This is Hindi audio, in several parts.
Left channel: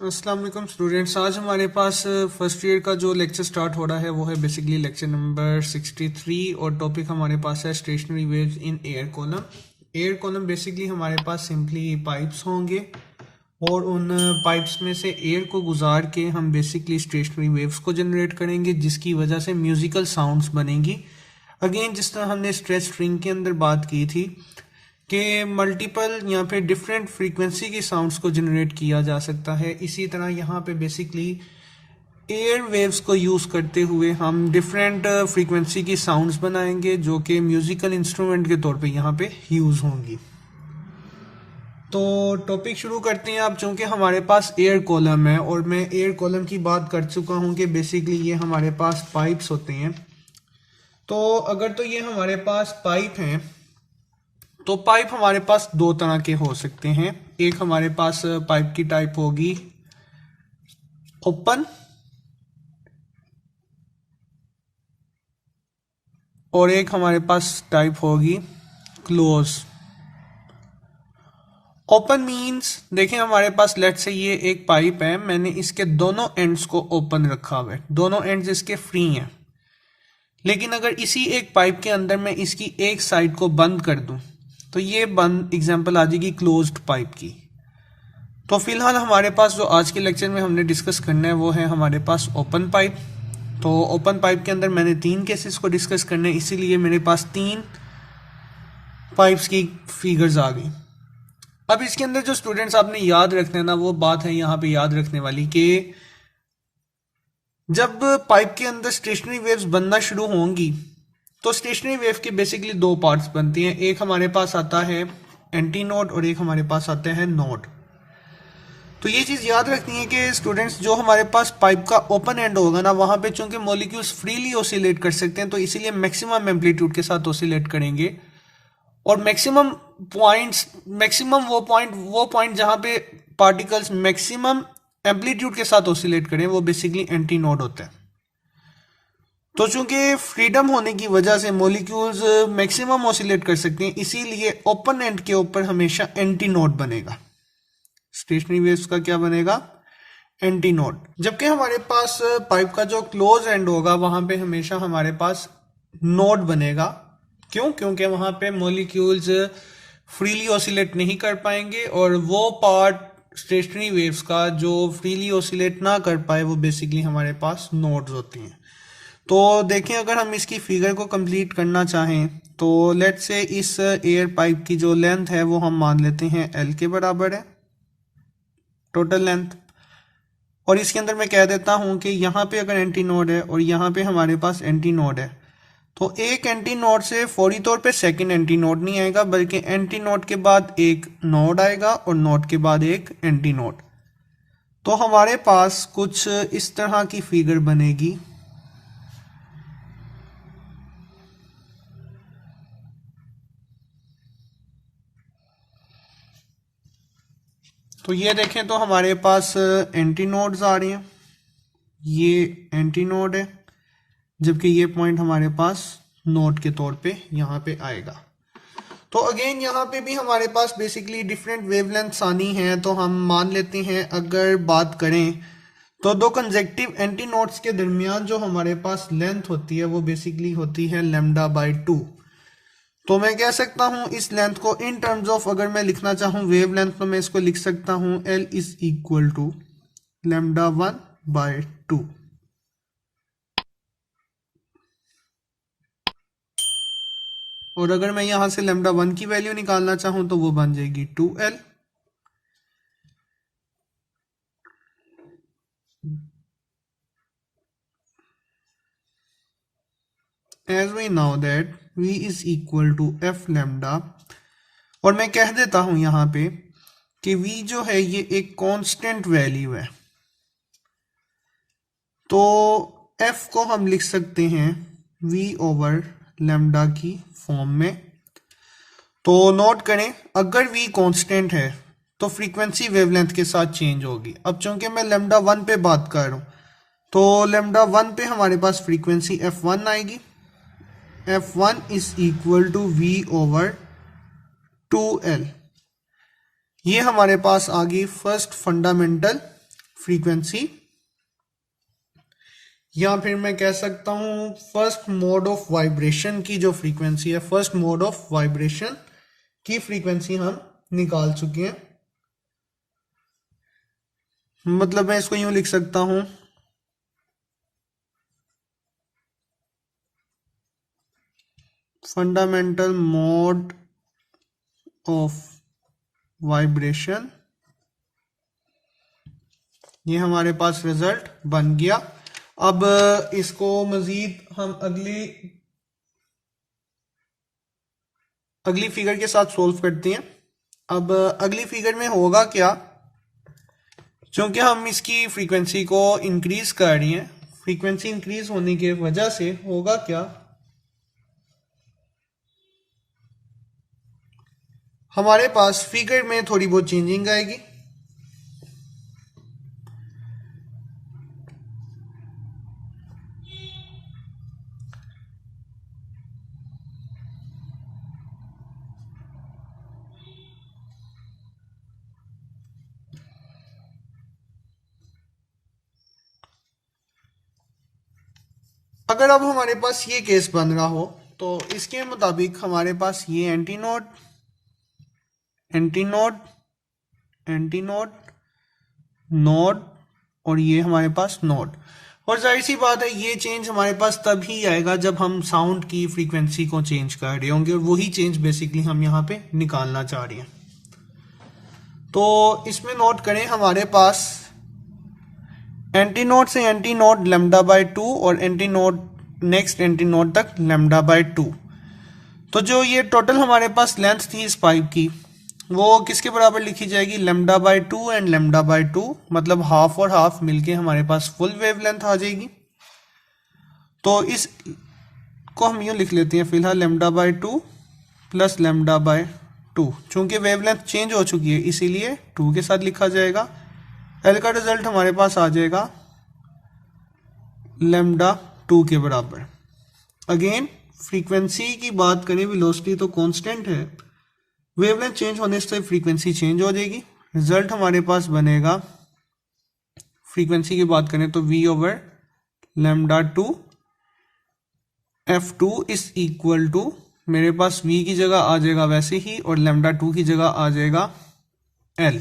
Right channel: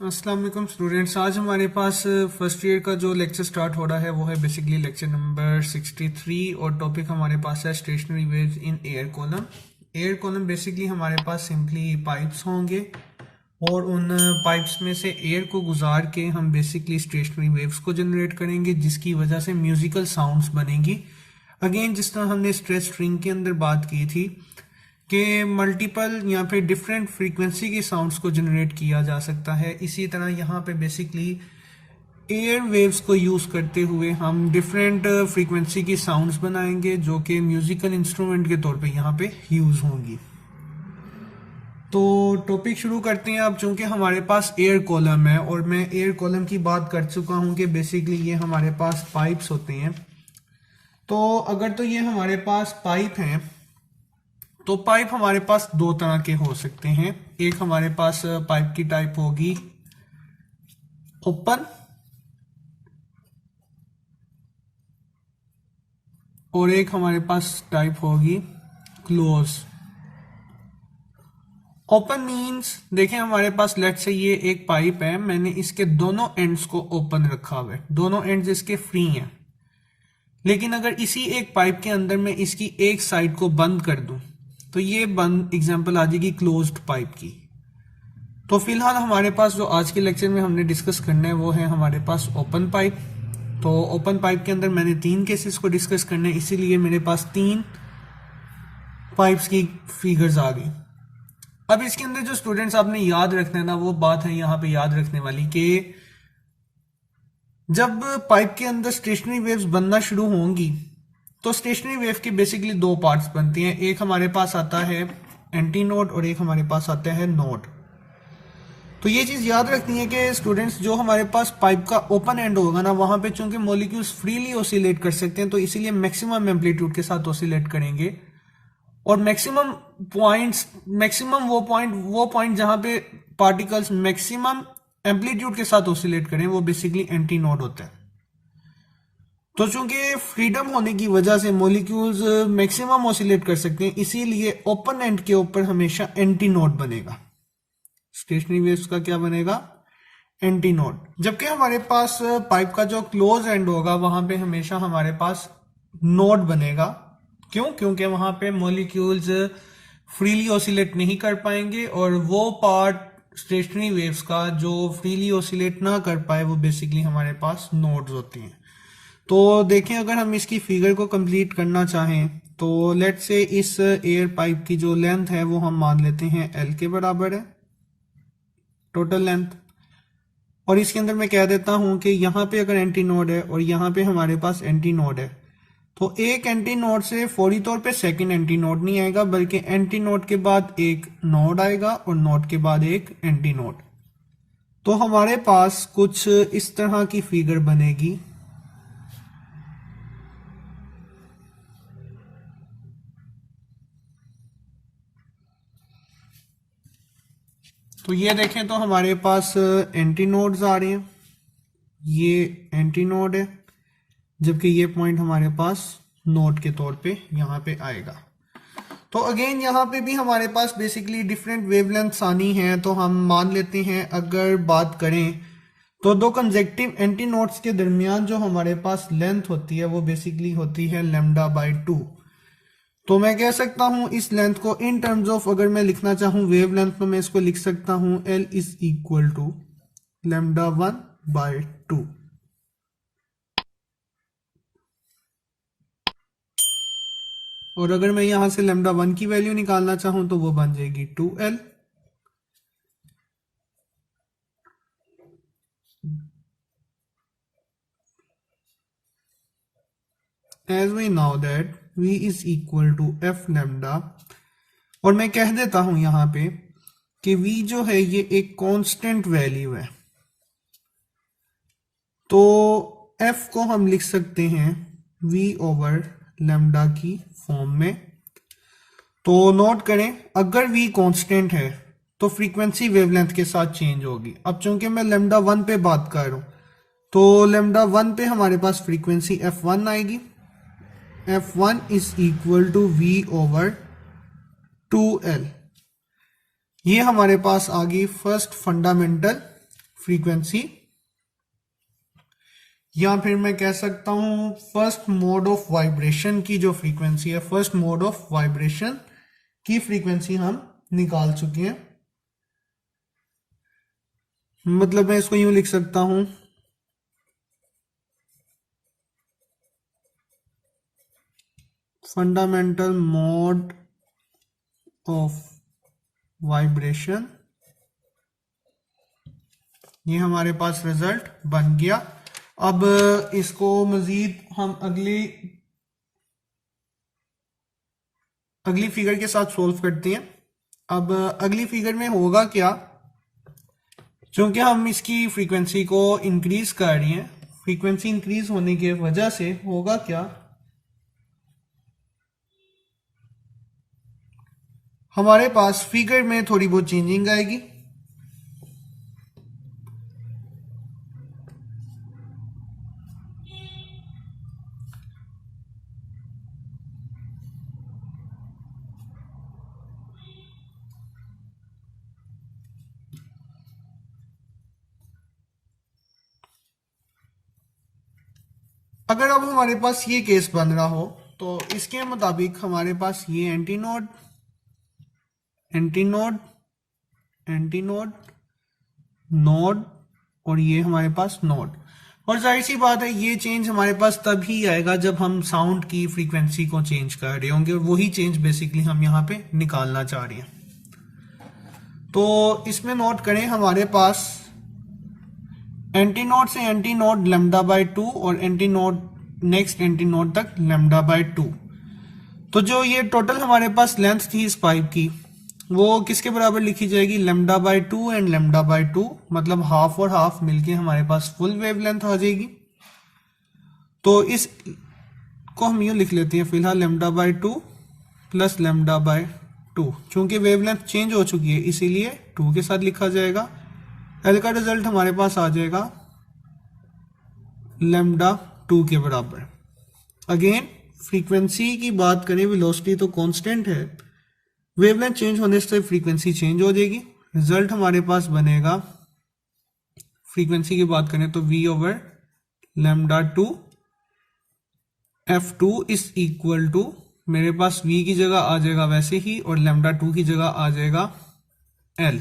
अस्सलाम वालेकुम स्टूडेंट्स। आज हमारे पास फर्स्ट ईयर का जो लेक्चर स्टार्ट हो रहा है वो है बेसिकली लेक्चर नंबर 63 और टॉपिक हमारे पास है stationery waves in air column. Air column basically हमारे पास सिंपली पाइप्स होंगे और उन पाइप्स में से एयर को गुजार के हम बेसिकली स्टेशनरी वेव्स को जनरेट करेंगे जिसकी वजह से म्यूजिकल साउंड्स बनेंगी। अगेन जिस तरह हमने स्ट्रेस स्ट्रिंग के अंदर बात की थी कि मल्टीपल या फिर डिफरेंट फ्रीक्वेंसी की साउंड्स को जनरेट किया जा सकता है, इसी तरह यहाँ पे बेसिकली एयर वेव्स को यूज़ करते हुए हम डिफरेंट फ्रीक्वेंसी की साउंड्स बनाएंगे जो कि म्यूजिकल इंस्ट्रूमेंट के तौर पे यहाँ पे यूज़ होंगी। तो टॉपिक शुरू करते हैं। अब चूंकि हमारे पास एयर कॉलम है और मैं एयर कॉलम की बात कर चुका हूँ कि बेसिकली ये हमारे पास पाइप्स होते हैं। तो अगर तो ये हमारे पास पाइप हैं तो पाइप हमारे पास दो तरह के हो सकते हैं। एक हमारे पास पाइप की टाइप होगी ओपन और एक हमारे पास टाइप होगी क्लोज। ओपन मींस देखें हमारे पास लेट से ये एक पाइप है, मैंने इसके दोनों एंड्स को ओपन रखा हुआ है, दोनों एंड्स इसके फ्री हैं। लेकिन अगर इसी एक पाइप के अंदर मैं इसकी एक साइड को बंद कर दूं तो ये बंद एग्जांपल आ जाएगी क्लोज्ड पाइप की। तो फिलहाल हमारे पास जो आज के लेक्चर में हमने डिस्कस करना है वो है हमारे पास ओपन पाइप। तो ओपन पाइप के अंदर मैंने तीन केसेस को डिस्कस करना है, इसीलिए मेरे पास तीन पाइप्स की फिगर्स आ गई। अब इसके अंदर जो स्टूडेंट्स आपने याद रखना है ना, वो बात है यहाँ पे याद रखने वाली कि जब पाइप के अंदर स्टेशनरी वेव्स बनना शुरू होंगी तो स्टेशनरी वेव के बेसिकली दो पार्ट्स बनते हैं। एक हमारे पास आता है एंटी नोड और एक हमारे पास आता है नोड। तो ये चीज़ याद रखनी है कि स्टूडेंट्स जो हमारे पास पाइप का ओपन एंड होगा ना, वहाँ पे चूंकि मॉलिक्यूल्स फ्रीली ऑसिलेट कर सकते हैं तो इसीलिए मैक्सिमम एम्पलीट्यूड के साथ ऑसिलेट करेंगे और मैक्सिमम वो पॉइंट जहाँ पे पार्टिकल्स मैक्सिमम एम्पलीट्यूड के साथ ऑसिलेट करें वो बेसिकली एंटी नोड होता है। तो चूंकि फ्रीडम होने की वजह से मॉलिक्यूल्स मैक्सिमम ऑसिलेट कर सकते हैं, इसीलिए ओपन एंड के ऊपर हमेशा एंटी नोड बनेगा। स्टेशनरी वेव्स का क्या बनेगा? Anti node. जबकि हमारे पास पाइप का जो क्लोज एंड होगा वहां पे हमेशा हमारे पास नोड बनेगा। क्यों? क्योंकि वहां पे मॉलिक्यूल्स फ्रीली ऑसिलेट नहीं कर पाएंगे और वो पार्ट स्टेशनरी वेव्स का जो फ्रीली ऑसिलेट ना कर पाए वो बेसिकली हमारे पास नोड्स होती हैं। तो देखें अगर हम इसकी फिगर को कंप्लीट करना चाहें तो लेट से इस एयर पाइप की जो लेंथ है वो हम मान लेते हैं एल के बराबर है टोटल लेंथ। और इसके अंदर मैं कह देता हूं कि यहाँ पे अगर एंटी नोड है और यहाँ पे हमारे पास एंटी नोड है तो एक एंटी नोड से फौरी तौर पे सेकंड एंटी नोड नहीं आएगा, बल्कि एंटी नोड के बाद एक नोड आएगा और नोड के बाद एक एंटी नोड। तो हमारे पास कुछ इस तरह की फिगर बनेगी। तो ये देखें तो हमारे पास एंटी नोड्स आ रहे हैं, ये एंटी नोड है, जबकि ये पॉइंट हमारे पास नोड के तौर पे यहाँ पे आएगा। तो अगेन यहाँ पे भी हमारे पास बेसिकली डिफरेंट वेवलेंथ्स आनी है। तो हम मान लेते हैं अगर बात करें तो दो कंजेक्टिव एंटी नोड्स के दरमियान जो हमारे पास लेंथ होती है वो बेसिकली होती है लैम्डा बाय 2। तो मैं कह सकता हूं इस लेंथ को इन टर्म्स ऑफ अगर मैं लिखना चाहूं वेव लेंथ तो मैं इसको लिख सकता हूं L is equal to lambda 1 by 2। और अगर मैं यहां से लैम्डा 1 की वैल्यू निकालना चाहूं तो वो बन जाएगी 2L। As we now that V is equal to F lambda, और मैं कह देता हूं यहां पे कि V जो है ये एक कांस्टेंट वैल्यू है। तो F को हम लिख सकते हैं V ओवर लैम्डा की फॉर्म में। तो नोट करें अगर V कांस्टेंट है तो फ्रीक्वेंसी वेवलेंथ के साथ चेंज होगी। अब चूंकि मैं लैम्डा 1 पे बात कर रहा हूं तो लैम्डा 1 पे हमारे पास फ्रीक्वेंसी F1 आएगी। F1 is equal to V over 2L। ये हमारे पास आ गई फर्स्ट फंडामेंटल फ्रीक्वेंसी, या फिर मैं कह सकता हूं फर्स्ट मोड ऑफ वाइब्रेशन की जो फ्रीक्वेंसी है, फर्स्ट मोड ऑफ वाइब्रेशन की फ्रीक्वेंसी हम निकाल चुके हैं। मतलब मैं इसको यूं लिख सकता हूं, फंडामेंटल मोड ऑफ वाइब्रेशन। ये हमारे पास रिजल्ट बन गया। अब इसको मजीद हम अगली फिगर के साथ सोल्व करते हैं। अब अगली फिगर में होगा क्या, क्योंकि हम इसकी फ्रीक्वेंसी को इंक्रीज कर रही हैं, फ्रीक्वेंसी इंक्रीज होने की वजह से होगा क्या, हमारे पास फिगर में थोड़ी बहुत चेंजिंग आएगी। अगर अब हमारे पास ये केस बन रहा हो तो इसके मुताबिक हमारे पास ये एंटीनोड, एंटीनोड, एंटीनोड, नोड और ये हमारे पास नोड। और जाहिर सी बात है ये चेंज हमारे पास तभी आएगा जब हम साउंड की फ्रीक्वेंसी को चेंज कर रहे होंगे, और वही चेंज बेसिकली हम यहाँ पे निकालना चाह रहे हैं। तो इसमें नोट करें, हमारे पास एंटीनोड से एंटीनोड लेमडा बाय 2 और एंटीनोड नेक्स्ट एंटीनोड तक लेमडा बाय 2। तो जो ये टोटल हमारे पास लेंथ थी इस पाइप की, वो किसके बराबर लिखी जाएगी, lambda by 2 and lambda by 2, मतलब हाफ और हाफ मिलके हमारे पास फुल वेवलेंथ आ जाएगी। तो इस को हम यूँ लिख लेते हैं फिलहाल, lambda by 2 plus lambda by 2। चूंकि वेवलेंथ चेंज हो चुकी है इसीलिए 2 के साथ लिखा जाएगा। एल का रिजल्ट हमारे पास आ जाएगा लेमडा 2 के बराबर। अगेन फ्रीक्वेंसी की बात करें, वेलोसिटी तो कांस्टेंट है, वेवलेंथ चेंज होने से फ्रीक्वेंसी चेंज हो जाएगी। रिजल्ट हमारे पास बनेगा, फ्रीक्वेंसी की बात करें तो v over lambda 2 f2 is equal to, मेरे पास v की जगह आ जाएगा वैसे ही और लेमडा 2 की जगह आ जाएगा l।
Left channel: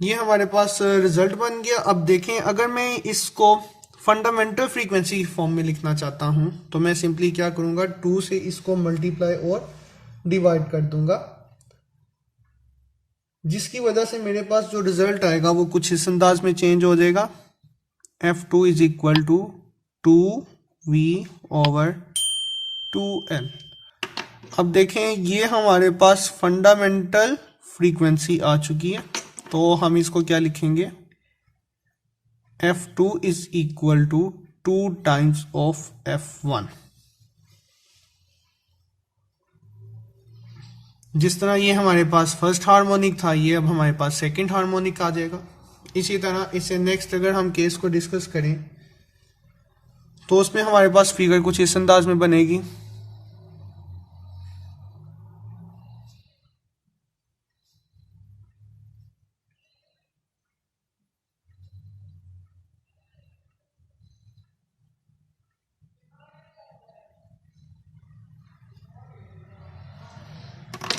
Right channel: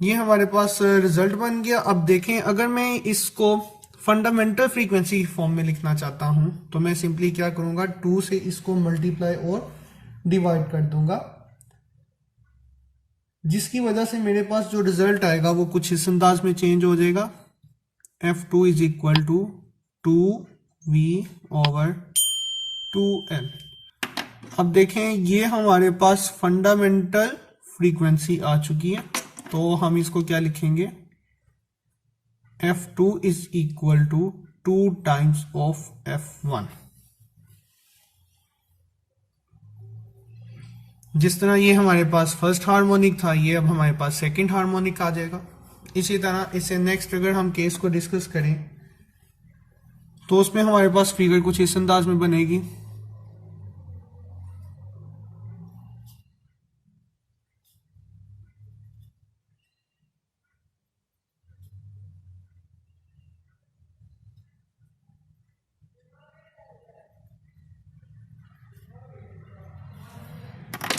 ये हमारे पास रिजल्ट बन गया। अब देखें, अगर मैं इसको फंडामेंटल फ्रीक्वेंसी की फॉर्म में लिखना चाहता हूं तो मैं सिंपली क्या करूंगा, 2 से इसको मल्टीप्लाई और डिवाइड कर दूंगा, जिसकी वजह से मेरे पास जो रिजल्ट आएगा वो कुछ इस अंदाज में चेंज हो जाएगा। f2 is equal to 2v over 2l। अब देखें ये हमारे पास फंडामेंटल फ्रीक्वेंसी आ चुकी है, तो हम इसको क्या लिखेंगे, f2 is equal to 2 times of f1। जिस तरह ये हमारे पास फर्स्ट हार्मोनिक था, ये अब हमारे पास सेकंड हार्मोनिक आ जाएगा। इसी तरह इससे नेक्स्ट अगर हम केस को डिस्कस करें तो उसमें हमारे पास फिगर कुछ इस अंदाज में बनेगी।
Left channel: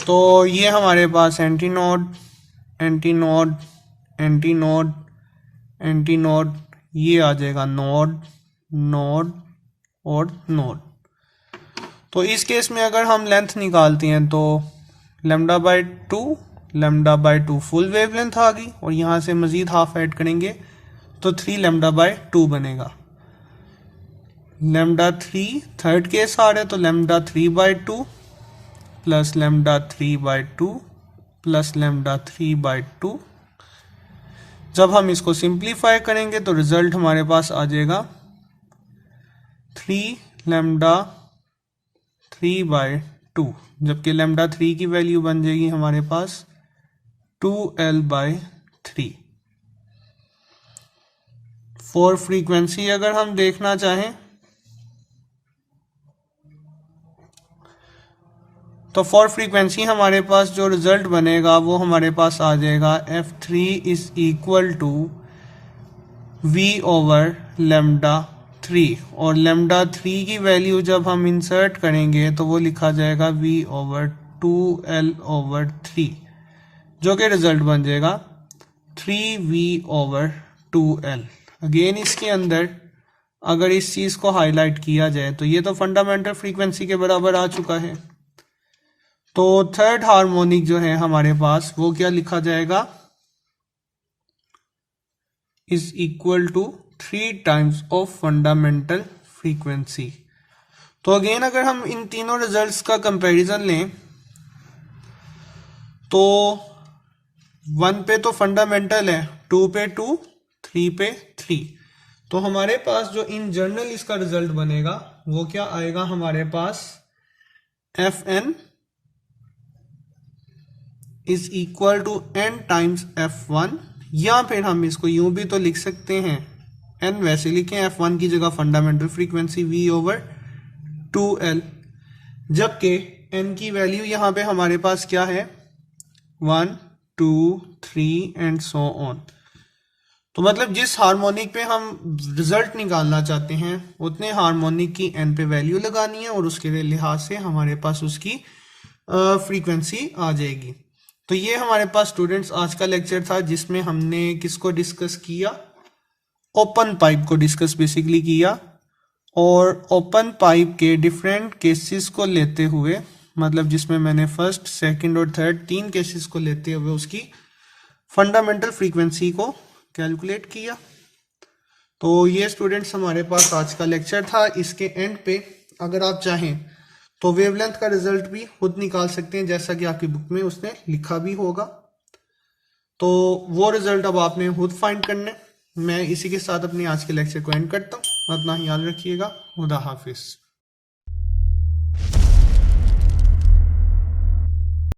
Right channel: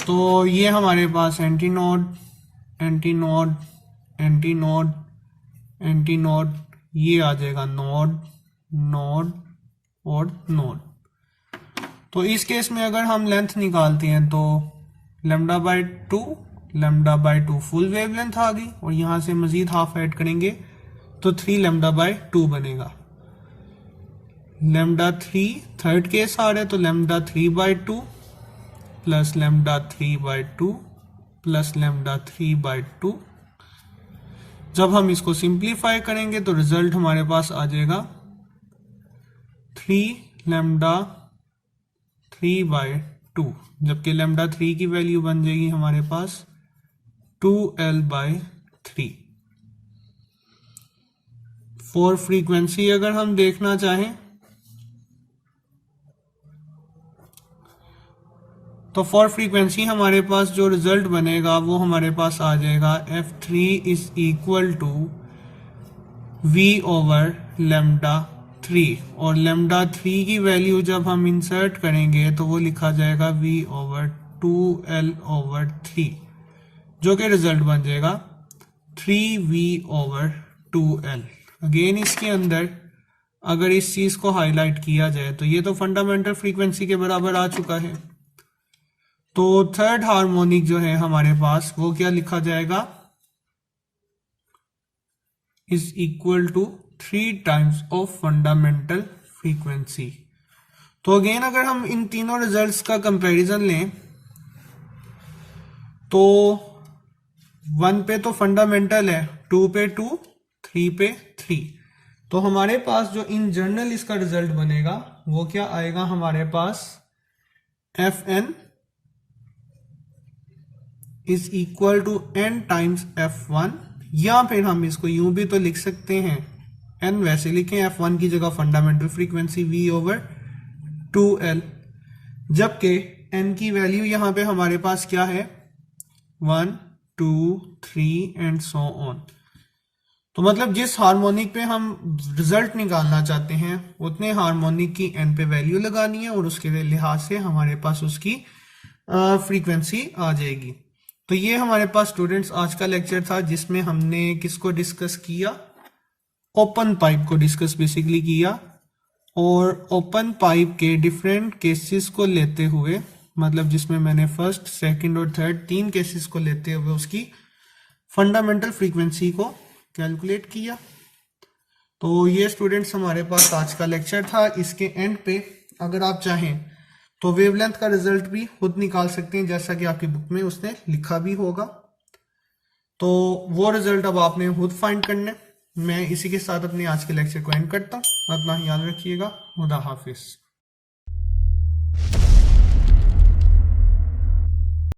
तो ये हमारे पास एंटीनोड, एंटीनोड, एंटीनोड, एंटीनोड, ये आ जाएगा नोड, नोड और नोड। तो इस केस में अगर हम लेंथ निकालते हैं तो lambda by 2, lambda by 2 full wavelength आ गई, और यहाँ से मजीद हाफ ऐड करेंगे तो 3 लेमडा बाय 2 बनेगा। लेमडा 3 थर्ड केस आ रहा है तो lambda 3 by 2 plus lambda 3 by 2 plus lambda 3 by 2। जब हम इसको सिंप्लीफाई करेंगे तो रिजल्ट हमारे पास आ जाएगा 3 लेमडा 3 बाय 2, जबकि लेमडा 3 की वैल्यू बन जाएगी हमारे पास 2l बाय 3। फॉर फ्रीक्वेंसी अगर हम देखना चाहें तो फॉर फ्रीक्वेंसी हमारे पास जो रिजल्ट बनेगा वो हमारे पास आ जाएगा F3 is equal to V over lambda 3, और लेमडा 3 की वैल्यू जब हम इंसर्ट करेंगे तो वो लिखा जाएगा V ओवर 2L ओवर 3, जो कि रिजल्ट बन जाएगा 3V ओवर 2L। अगेन इसके अंदर अगर इस चीज को हाईलाइट किया जाए तो ये तो फंडामेंटल फ्रीक्वेंसी के बराबर आ चुका है। तो थर्ड हार्मोनिक जो है हमारे पास वो क्या लिखा जाएगा, is equal to 3 times of fundamental frequency. तो अगेन अगर हम इन तीनों रिजल्ट्स का कंपैरिजन लें तो 1 पे तो फंडामेंटल है, 2 पे 2, 3 पे 3। तो हमारे पास जो इन जनरल इसका रिजल्ट बनेगा वो क्या आएगा हमारे पास, Fn is equal to n times F1, या फिर हम इसको यूं भी तो लिख सकते हैं, n वैसे लिखें, F1 की जगह fundamental frequency V over 2L, जबकि n की वैल्यू यहां पे हमारे पास क्या है, 1, 2, 3 एंड सो ऑन। तो मतलब जिस हार्मोनिक पे हम रिजल्ट निकालना चाहते हैं उतने हार्मोनिक की n पे वैल्यू लगानी है और उसके लिहाज से हमारे पास उसकी फ्रीक्वेंसी आ जाएगी। तो ये हमारे पास स्टूडेंट्स आज का लेक्चर था जिसमें हमने किसको डिस्कस किया, ओपन पाइप को डिस्कस बेसिकली किया, और ओपन पाइप के डिफरेंट केसेस को लेते हुए, मतलब जिसमें मैंने फर्स्ट, सेकंड और थर्ड 3 केसेस को लेते हुए उसकी फंडामेंटल फ्रीक्वेंसी को कैलकुलेट किया। तो ये स्टूडेंट्स हमारे पास आज का लेक्चर था। इसके एंड पे अगर आप चाहें तो वेवलेंथ का रिजल्ट भी खुद निकाल सकते हैं, जैसा कि आपकी बुक में उसने लिखा भी होगा। तो वो रिजल्ट अब आपने खुद फाइंड करने। मैं इसी के साथ अपने आज के लेक्चर को एंड करता हूँ। अपना ख्याल रखिएगा। खुदा हाफिज।